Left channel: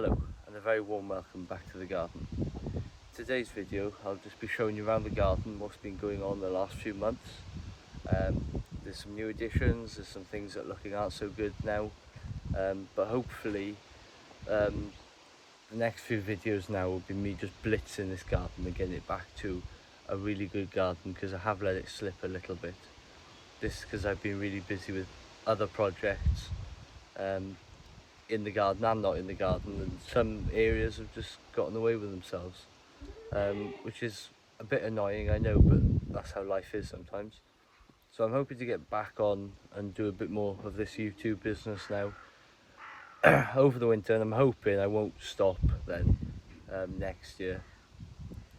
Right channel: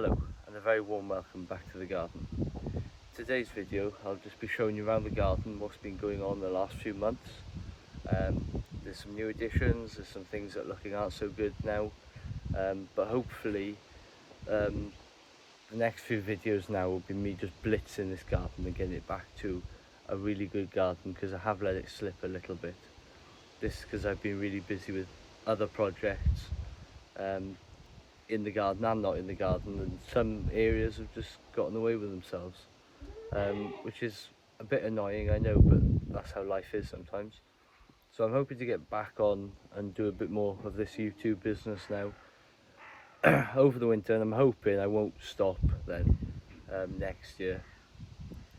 Hello and a very warm welcome back to the garden. Today's video I'll just be showing you around the garden what's been going on the last few months. There's some new additions, there's some things that looking aren't so good now, but hopefully the next few videos now will be me just blitzing this garden and getting it back to a really good garden, because I have let it slip a little bit. This because I've been really busy with other projects in the garden and not in the garden, and some areas have just gotten away with themselves, which is a bit annoying, I know, but that's how life is sometimes. So I'm hoping to get back on and do a bit more of this YouTube business now over the winter, and I'm hoping I won't stop then next year.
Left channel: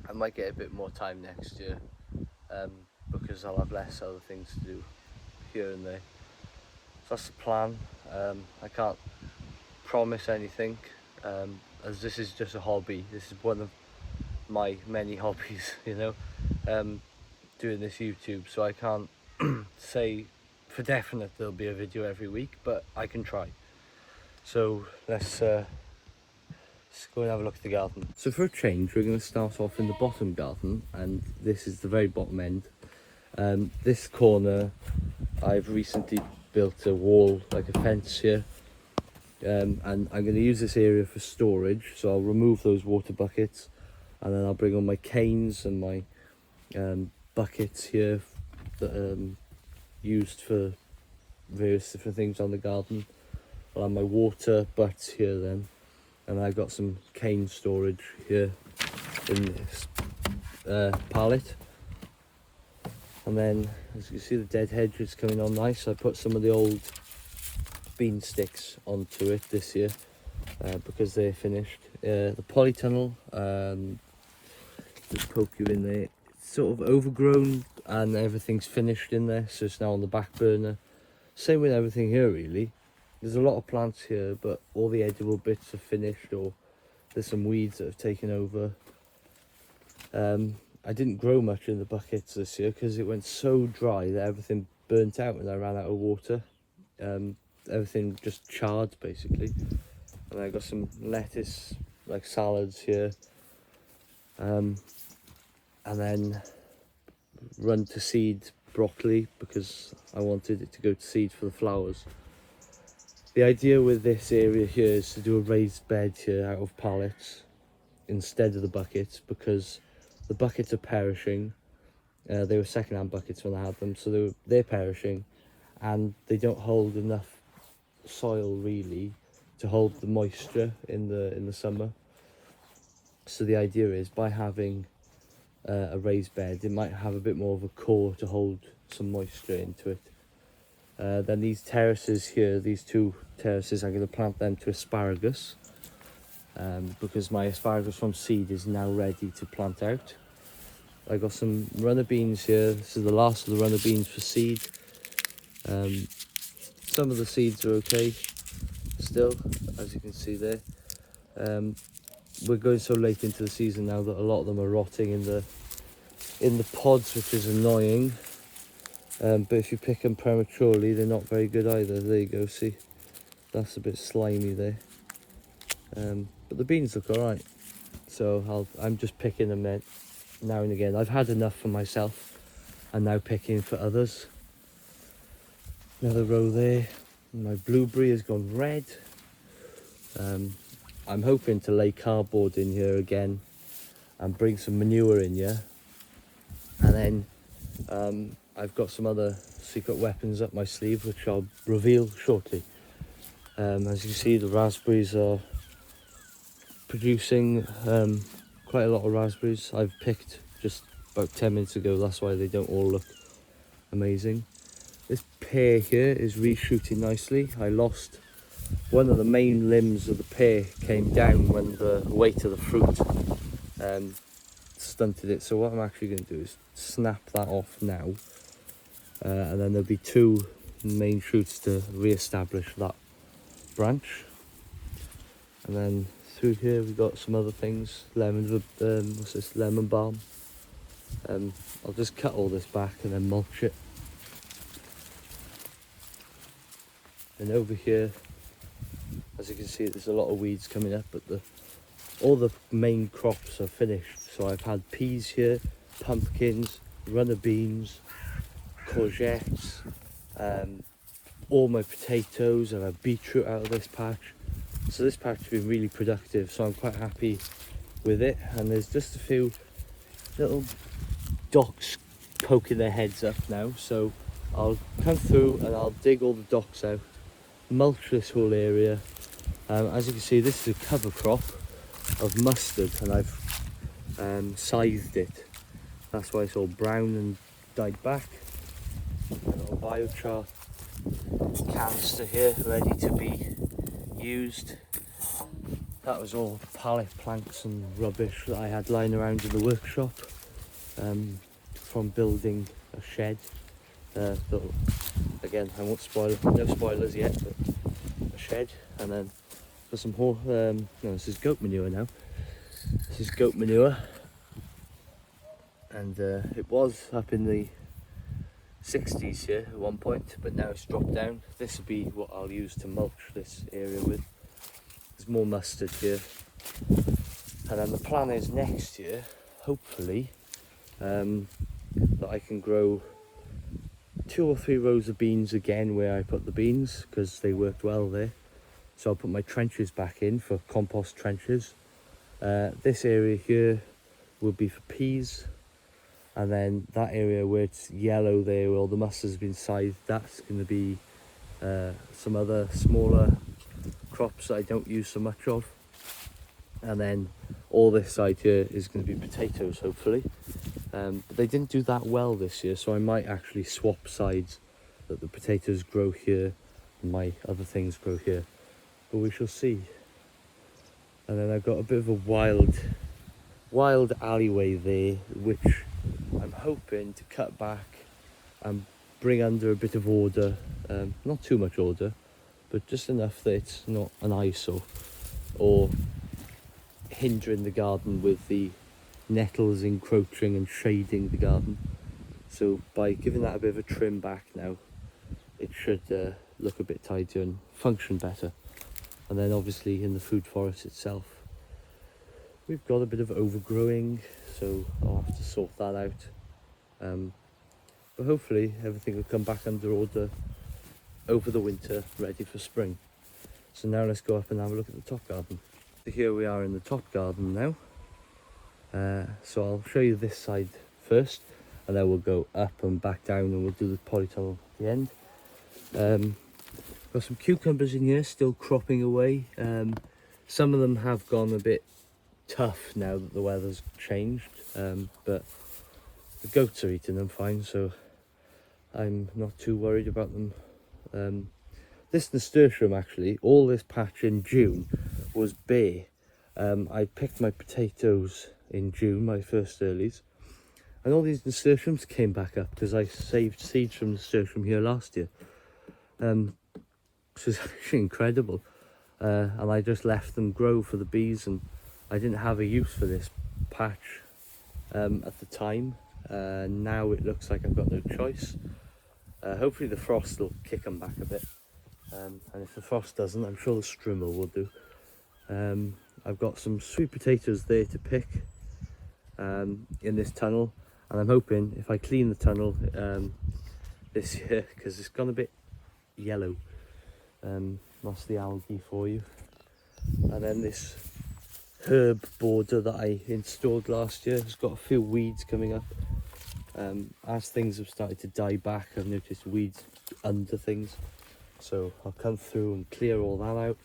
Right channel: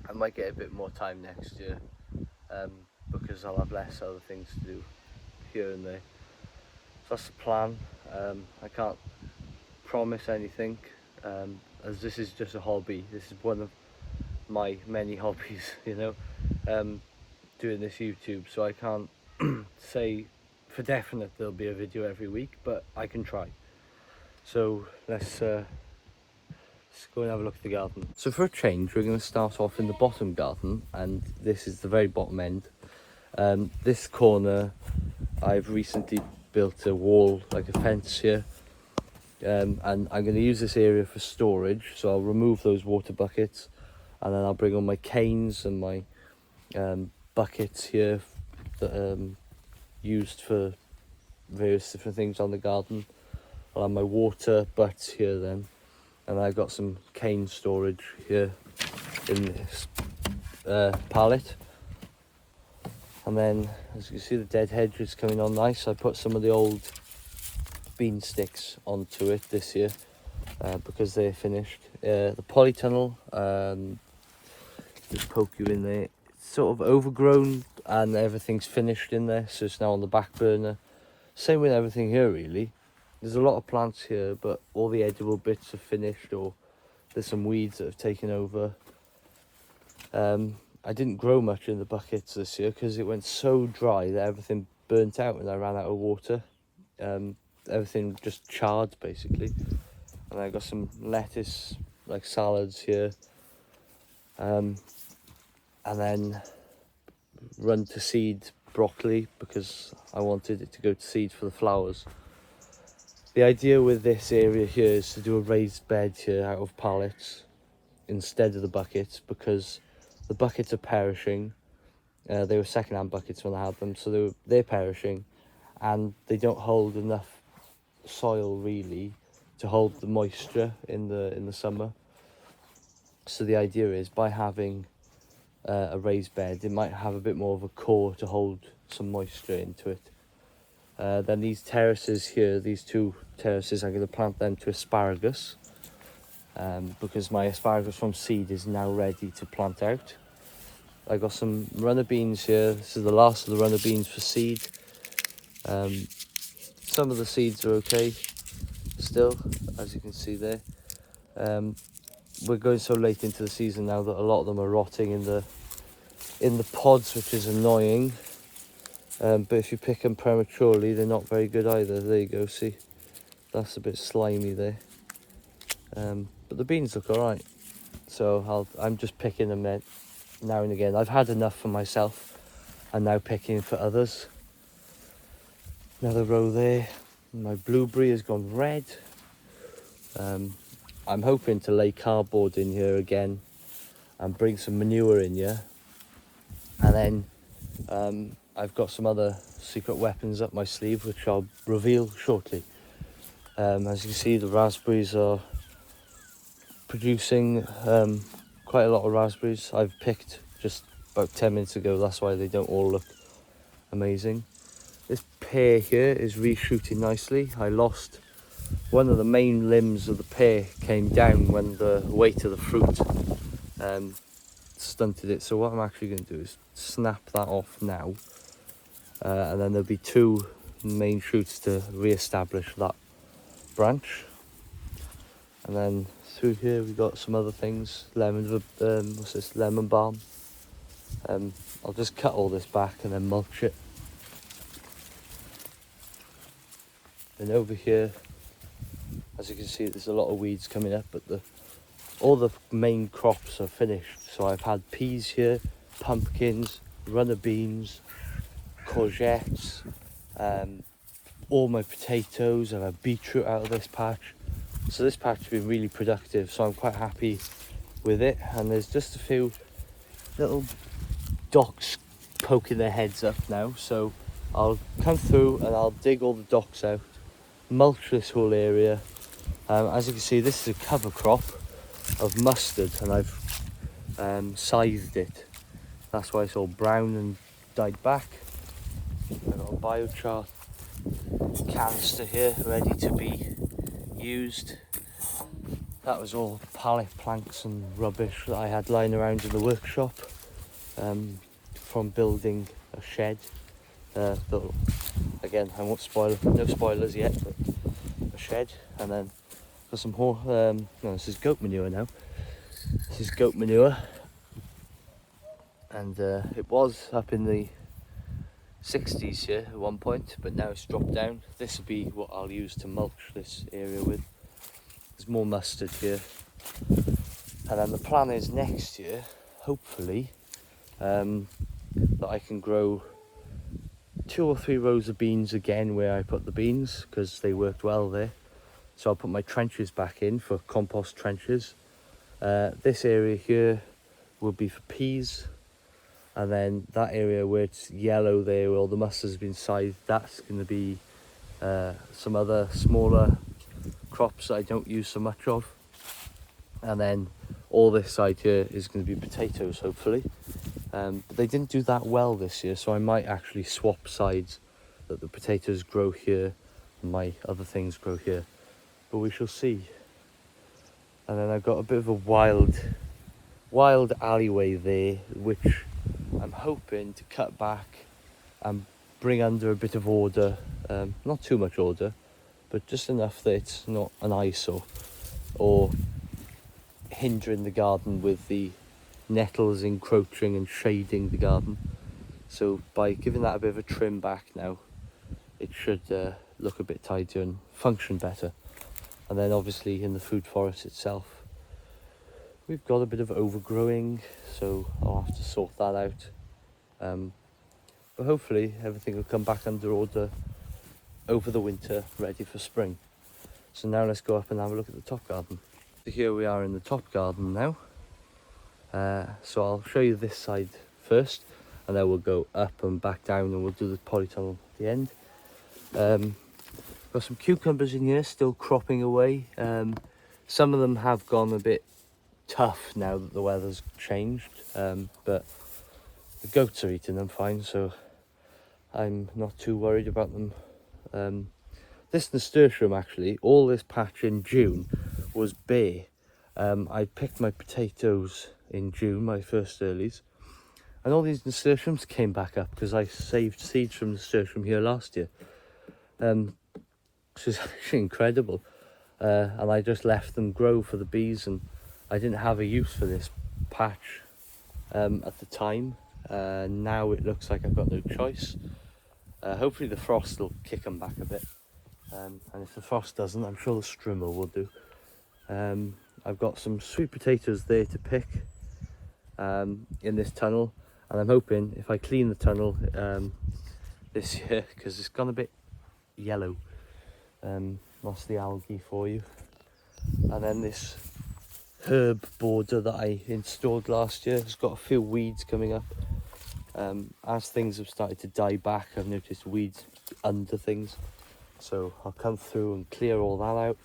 I might get a bit more time next year because I'll have less other things to do here and there. So that's the plan. I can't promise anything, as this is just a hobby. This is one of my many hobbies, you know, doing this YouTube, so I can't say for definite there'll be a video every week, but I can try. So let's go and have a look at the garden. So for a change, we're going to start off in the bottom garden, and this is the very bottom end. This corner, I've recently built a wall, like a fence here, and I'm going to use this area for storage. So I'll remove those water buckets, and then I'll bring on my canes and my buckets here that used for various different things on the garden. I'll have my water butts here then, and I've got some cane storage here in this pallet. And then, as you can see, the dead hedge is coming on nice. I put some of the old bean sticks onto it this year because they're finished. The polytunnel, just poke you in there, it's sort of overgrown and everything's finished in there, so it's now on the back burner. Same with everything here really. There's a lot of plants here, but all the edible bits are finished, or there's some weeds that have taken over. I didn't grow much in the buckets this year because it went so dry that everything burnt out and I ran out of water. Everything just charred basically. And I got some lettuce, like salads here, and then run to seed broccoli because I wanted it to go to seed for the flowers. The idea with this area here is to do a raised bed here out of pallets instead of the buckets, because the buckets are perishing. They were second-hand buckets when I had them, so they're perishing, and they don't hold enough soil really to hold the moisture in the summer. So the idea is, by having a raised bed, it might have a bit more of a core to hold some moisture into it. Then these terraces here, these two terraces, I'm going to plant them to asparagus, because my asparagus from seed is now ready to plant out. I got some runner beans here. This is the last of the runner beans for seed. Some of the seeds are okay still, as you can see there. We're going so late into the season now that a lot of them are rotting in the pods, which is annoying. But if you pick them prematurely, they're not very good either. There you go, see, that's a bit slimy there. But the beans look all right, so I'm just picking them now and again. I've had enough for myself, and now picking for others. Another row there. My blueberry has gone red. I'm hoping to lay cardboard in here again and bring some manure in here, and then I've got some other secret weapons up my sleeve which I'll reveal shortly. As you can see, the raspberries are producing quite a lot of raspberries. I've picked just about 10 minutes ago, that's why they don't all look amazing. This pear here is reshooting nicely. I lost one of the main limbs of the pear, came down when the weight of the fruit stunted it. So what I'm actually going to do is snap that off now, and then there'll be two main shoots to re-establish that branch. And then through here we've got some other things, what's this, lemon balm. I'll just cut all this back and then mulch it. And over here As you can see, there's a lot of weeds coming up, but all the main crops are finished. So I've had peas here, pumpkins, runner beans, courgettes, all my potatoes. I've had beetroot out of this patch. So this patch has been really productive, so I'm quite happy with it. And there's just a few little docks poking their heads up now, so I'll come through and I'll dig all the docks out, mulch this whole area. As you can see, this is a cover crop of mustard, and I've scythed it. That's why it's all brown and dyed back. I've got a biochar canister here ready to be used. That was all pallet planks and rubbish that I had lying around in the workshop from building a shed. Though, again, I won't spoil, no spoilers yet, but a shed. And then for some no, this is goat manure now. This is goat manure, and it was up in the 60s here at one point, but now it's dropped down. This will be what I'll use to mulch this area with. There's more mustard here, and then the plan is next year, hopefully, that I can grow 2 or 3 rows of beans again where I put the beans, because they worked well there. So I'll put my trenches back in for compost trenches. This area here will be for peas, and then that area where it's yellow there, where all the mustard's been scythed, that's going to be some other smaller crops that I don't use so much of. And then all this side here is going to be potatoes, hopefully. But they didn't do that well this year, so I might actually swap sides, that the potatoes grow here and my other things grow here. But we shall see. And then I've got a bit of a wild alleyway there, which I'm hoping to cut back and bring under a bit of order. Not too much order, but just enough that it's not an eyesore or hindering the garden with the nettles encroaching and shading the garden. So by giving that a bit of a trim back now, it should look a bit tidier and function better. And then obviously in the food forest itself, we've got a bit of overgrowing, so I'll have to sort that out. But hopefully everything will come back under order over the winter, ready for spring. So now let's go up and have a look at the top garden. So here we are in the top garden now. So I'll show you this side first, and then we'll go up and back down, and we'll do the polytunnel at the end. Got some cucumbers in here still cropping away. Some of them have gone a bit tough now that the weather's changed, but the goats are eating them fine, so I'm not too worried about them. This nasturtium, actually, all this patch in June was bare. I picked my potatoes in June, my first earlies, and all these nasturtiums came back up because I saved seeds from nasturtium here last year. Which is actually incredible. And I just left them grow for the bees, and I didn't have a use for this patch at the time. Now it looks like I've got no choice. Hopefully the frost will kick them back a bit, and if the frost doesn't, I'm sure the strimmer will do. I've got some sweet potatoes there to pick in this tunnel, and I'm hoping if I clean the tunnel this year, because it's gone a bit yellow, lost the algae for you. And then this herb border that I installed last year has got a few weeds coming up. As things have started to die back, I've noticed weeds under things, so I'll come through and clear all that out.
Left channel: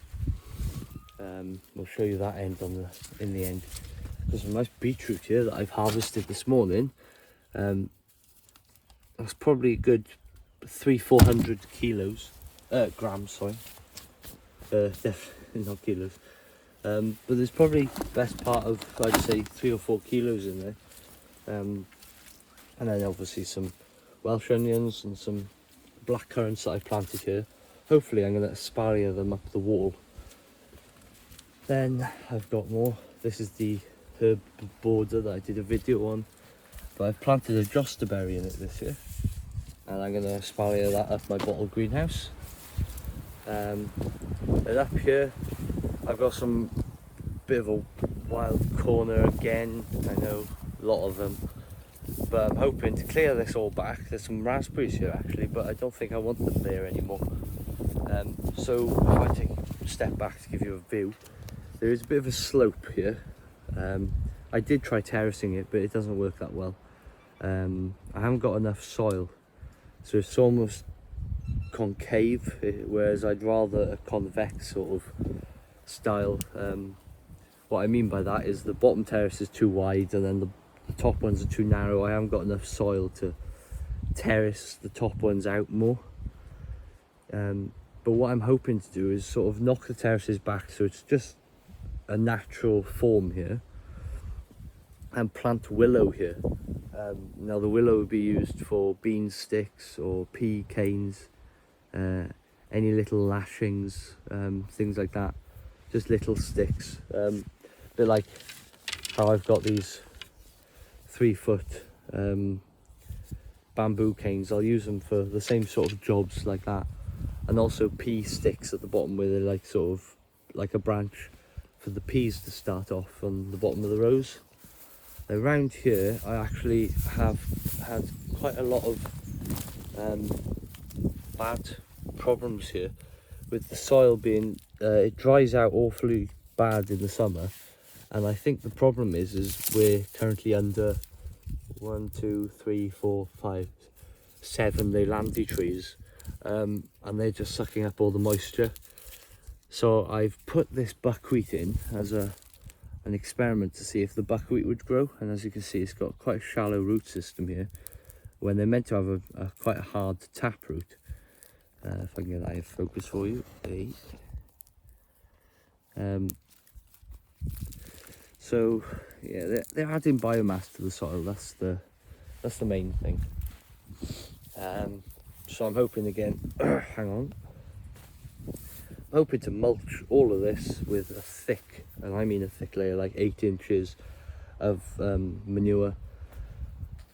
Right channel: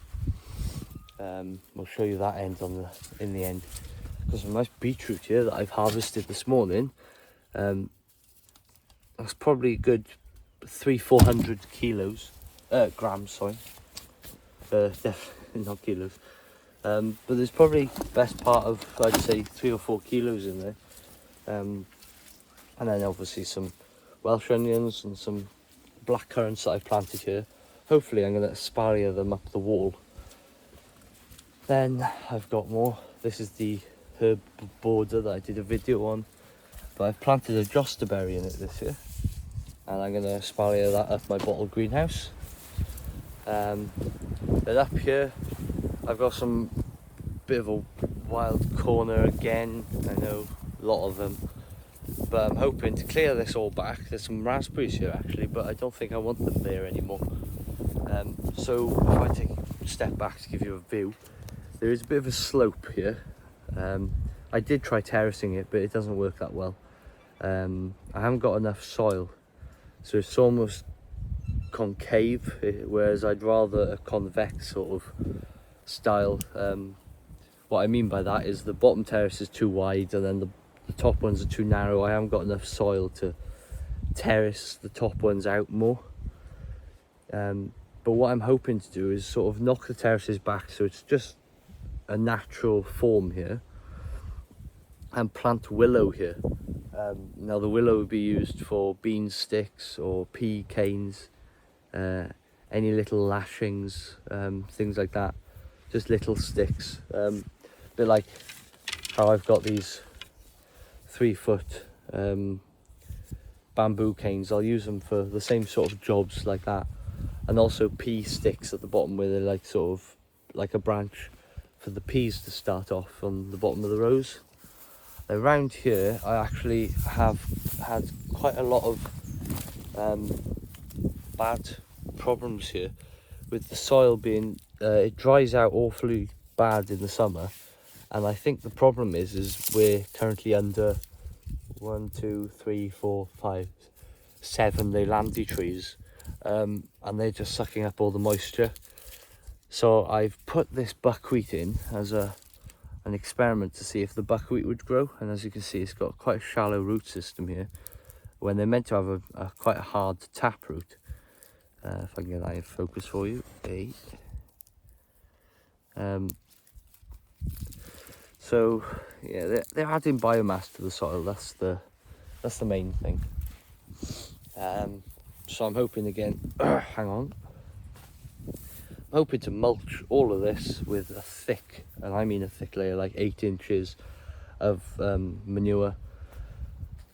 We'll show you that end in the end. There's some nice beetroot here that I've harvested this morning. That's probably a good 300-400 grams, sorry. Definitely not kilos. But there's probably best part of, I'd say, 3 or 4 kilos in there. And then obviously some Welsh onions and some black currants that I've planted here. Hopefully I'm going to espalier them up the wall. Then I've got more. This is the herb border that I did a video on, but I've planted a josterberry in it this year, and I'm going to espalier that up my bottle greenhouse. Then up here I've got some bit of a wild corner again. I know a lot of them, but I'm hoping to clear this all back. There's some raspberries here actually, but I don't think I want them there anymore. So if I take a step back to give you a view, there is a bit of a slope here. I did try terracing it, but it doesn't work that well. I haven't got enough soil, so it's almost concave, whereas I'd rather a convex sort of style. What I mean by that is the bottom terrace is too wide and then the top ones are too narrow. I haven't got enough soil to terrace the top ones out more. But what I'm hoping to do is sort of knock the terraces back so it's just a natural form here, and plant willow here. Now the willow would be used for bean sticks or pea canes, any little lashings, things like that, just little sticks. A bit like how I've got these 3-foot bamboo canes. I'll use them for the same sort of jobs like that, and also pea sticks at the bottom where they're like sort of like a branch for the peas to start off on the bottom of the rows. Around here I actually have had quite a lot of bad problems here with the soil being it dries out awfully bad in the summer, and I think the problem is we're currently under 1, 2, 3, 4, 5, 7 Leylandii trees, and they're just sucking up all the moisture. So I've put this buckwheat in as an experiment to see if the buckwheat would grow, and as you can see it's got quite a shallow root system here when they're meant to have quite a hard tap root. If I can get that in focus for you. Okay. So yeah, they're adding biomass to the soil. That's the main thing. So I'm hoping again. Hang on. I'm hoping to mulch all of this with a thick, and I mean a thick layer, like 8 inches of manure,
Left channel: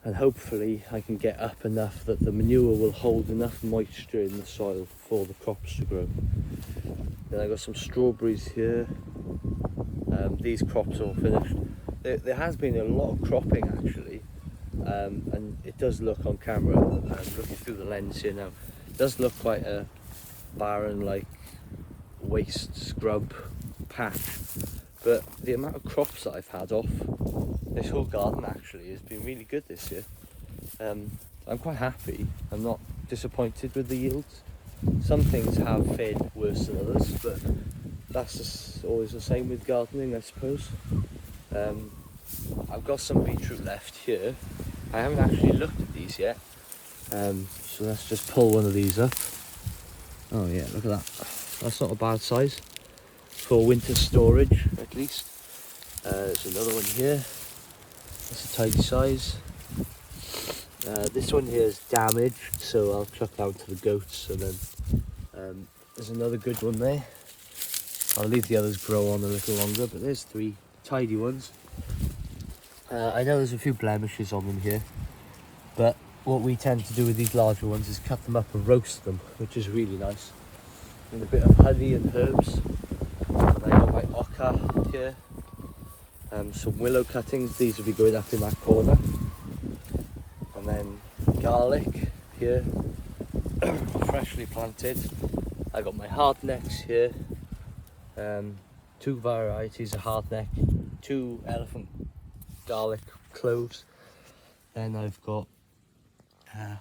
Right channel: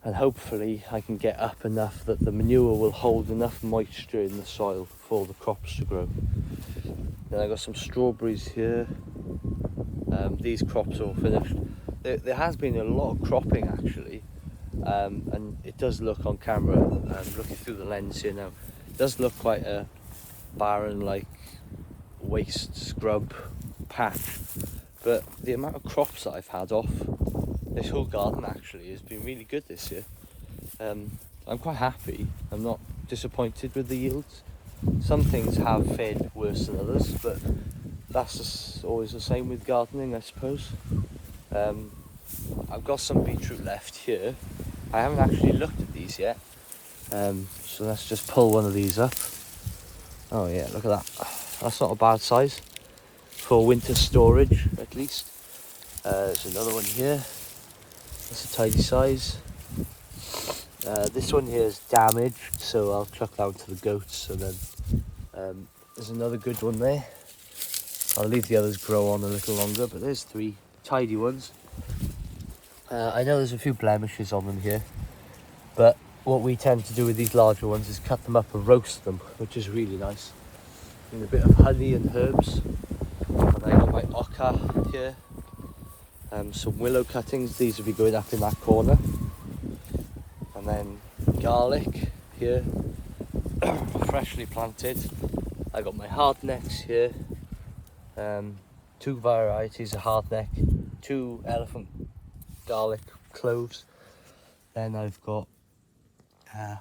and hopefully I can get up enough that the manure will hold enough moisture in the soil for the crops to grow. Then I got some strawberries here. These crops are all finished. There has been a lot of cropping actually, and it does look on camera, I'm looking through the lens here now, it does look quite a barren, like waste scrub patch, but the amount of crops that I've had off this whole garden actually has been really good this year. I'm quite happy. I'm not disappointed with the yields. Some things have fared worse than others, but that's just always the same with gardening, I suppose. I've got some beetroot left here. I haven't actually looked at these yet, so let's just pull one of these up. Oh yeah, look at that. That's not a bad size for winter storage, at least. There's another one here. That's a tidy size. This one here is damaged, so I'll chuck down to the goats, and then there's another good one there. I'll leave the others grow on a little longer, but there's 3 tidy ones. I know there's a few blemishes on them here, but what we tend to do with these larger ones is cut them up and roast them, which is really nice. And a bit of honey and herbs. And I got my oca here. Some willow cuttings, these will be going up in that corner. And then garlic here, freshly planted. I got my hardnecks here. 2 varieties of hardneck, 2 elephant garlic cloves. Then I've got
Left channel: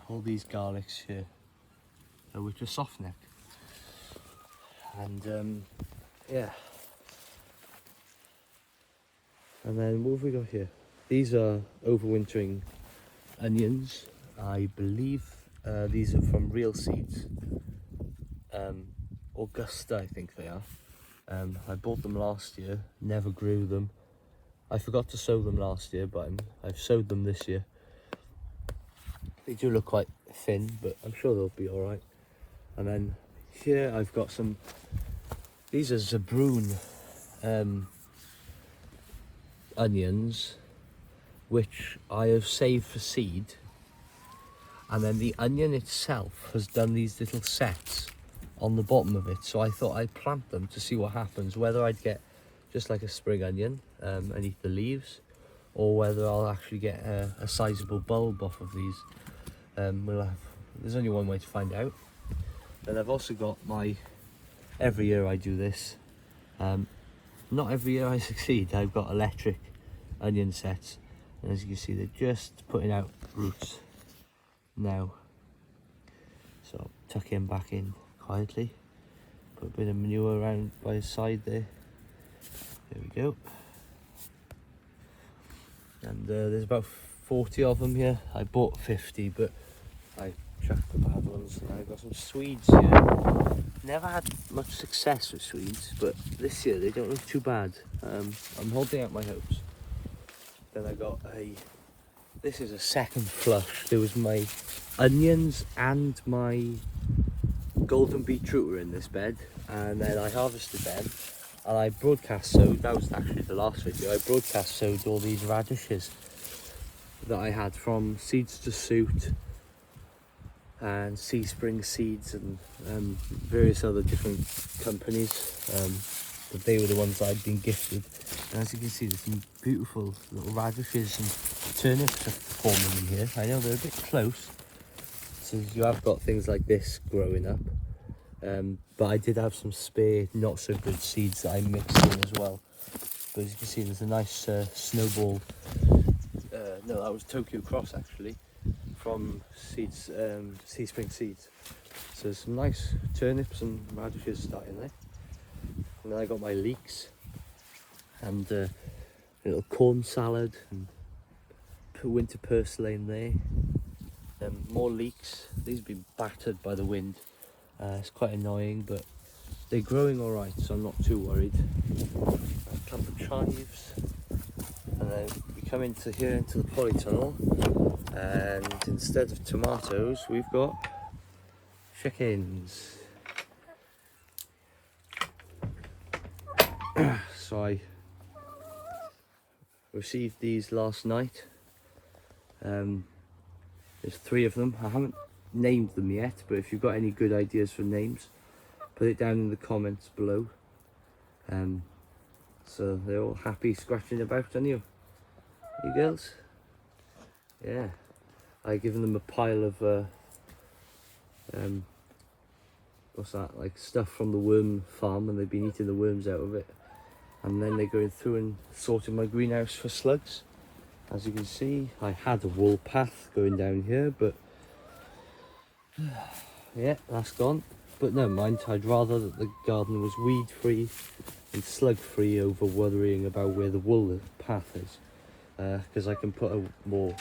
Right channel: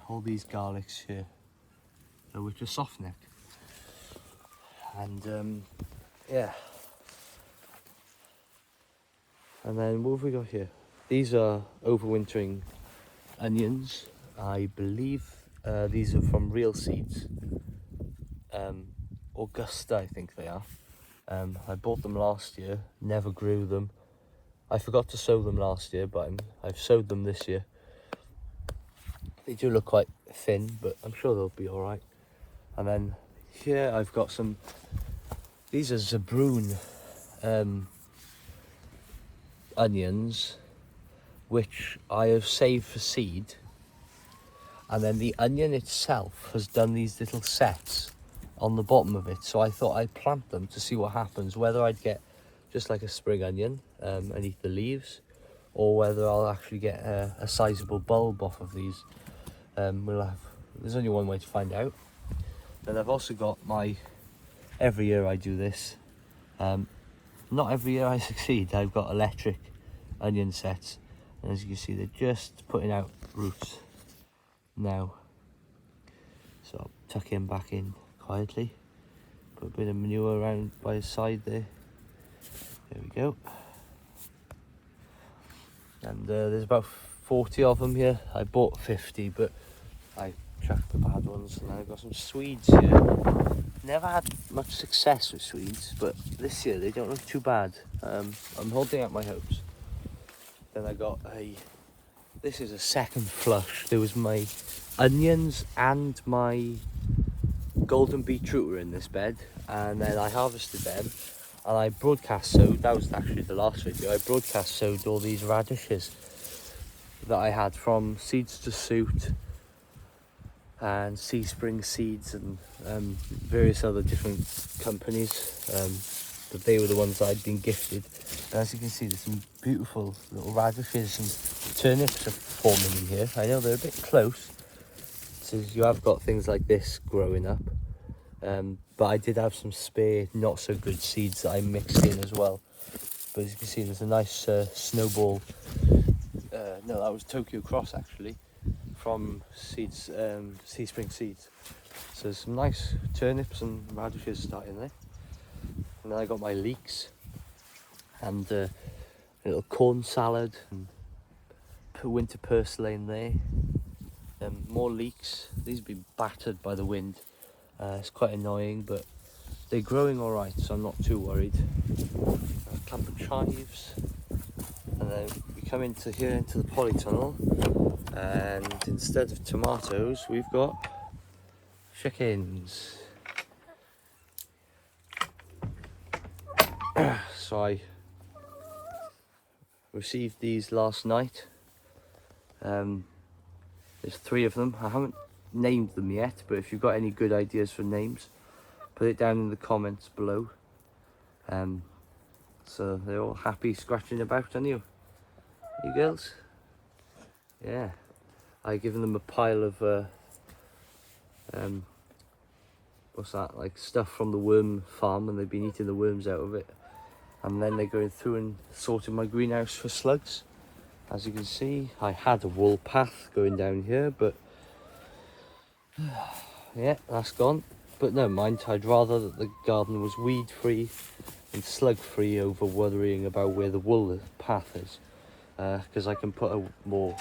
all these garlics here, which are softneck. And yeah. And then what have we got here? These are overwintering onions. I believe these are from Real Seeds. Augusta, I think they are. I bought them last year, never grew them. I forgot to sow them last year, but I've sowed them this year. They do look quite thin, but I'm sure they'll be all right. And then here I've got some, these are Zabroon onions, which I have saved for seed. And then the onion itself has done these little sets on the bottom of it, so I thought I'd plant them to see what happens, whether I'd get just like a spring onion and eat the leaves, or whether I'll actually get a sizable bulb off of these. There's only one way to find out. Then I've also got every year I do this, not every year I succeed. I've got electric onion sets, and as you can see, they're just putting out roots now. So I'll tuck him back in quietly, put a bit of manure around by his side there. There we go. And there's about 40 of them here. I bought 50, but I chucked the bad ones. And I've got some Swedes here. Never had much success with Swedes, but this year they don't look too bad. I'm holding out my hopes. Then I got this is a second flush. There was my onions and my golden beetroot were in this bed, and then I harvested them, and I broadcast sowed. That was actually the last video. I broadcast sowed all these radishes that I had from Seeds to Suit and Seedsbeans seeds and various other different companies, but they were the ones I'd been gifted. And as you can see, there's some beautiful little radishes and turnips are forming in here. I know they're a bit close, so you have got things like this growing up, but I did have some spare not so good seeds that I mixed in as well. But as you can see, there's a nice snowball, no, that was Tokyo Cross actually, from Seedsbeans seeds. So there's some nice turnips and radishes starting there. And then I got my leeks and a little corn salad and winter purslane there. More leeks. These have been battered by the wind. It's quite annoying, but they're growing all right, so I'm not too worried. A clump of chives, and then we come into the polytunnel, and instead of tomatoes, we've got chickens. So I received these last night. There's 3 of them. I haven't named them yet, but if you've got any good ideas for names, put it down in the comments below. So they're all happy scratching about, aren't you? You girls? Yeah. I've given them a pile of what's that, like stuff from the worm farm, and they've been eating the worms out of it. And then they're going through and sorting my greenhouse for slugs. As you can see, I had a wool path going down here, but yeah, that's gone. But never mind, I'd rather that the garden was weed free and slug free over worrying about where the wool path is, because I can put more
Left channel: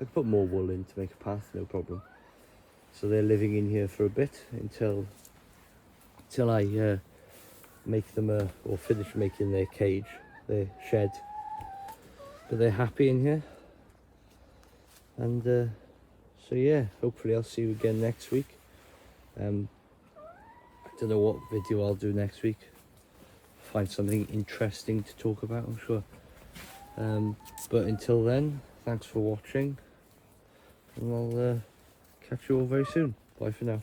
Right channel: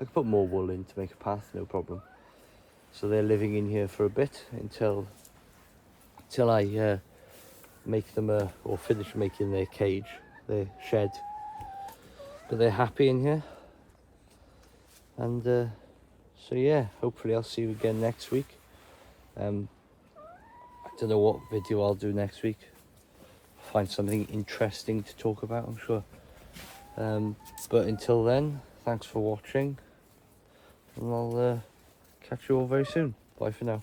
wool in to make a path, no problem. So they're living in here for a bit until I make them or finish making their cage, their shed. But they're happy in here, and so yeah, hopefully I'll see you again next week. I don't know what video I'll do next week. Find something interesting to talk about, I'm sure. But until then, thanks for watching, and I'll catch you all very soon. Bye for now.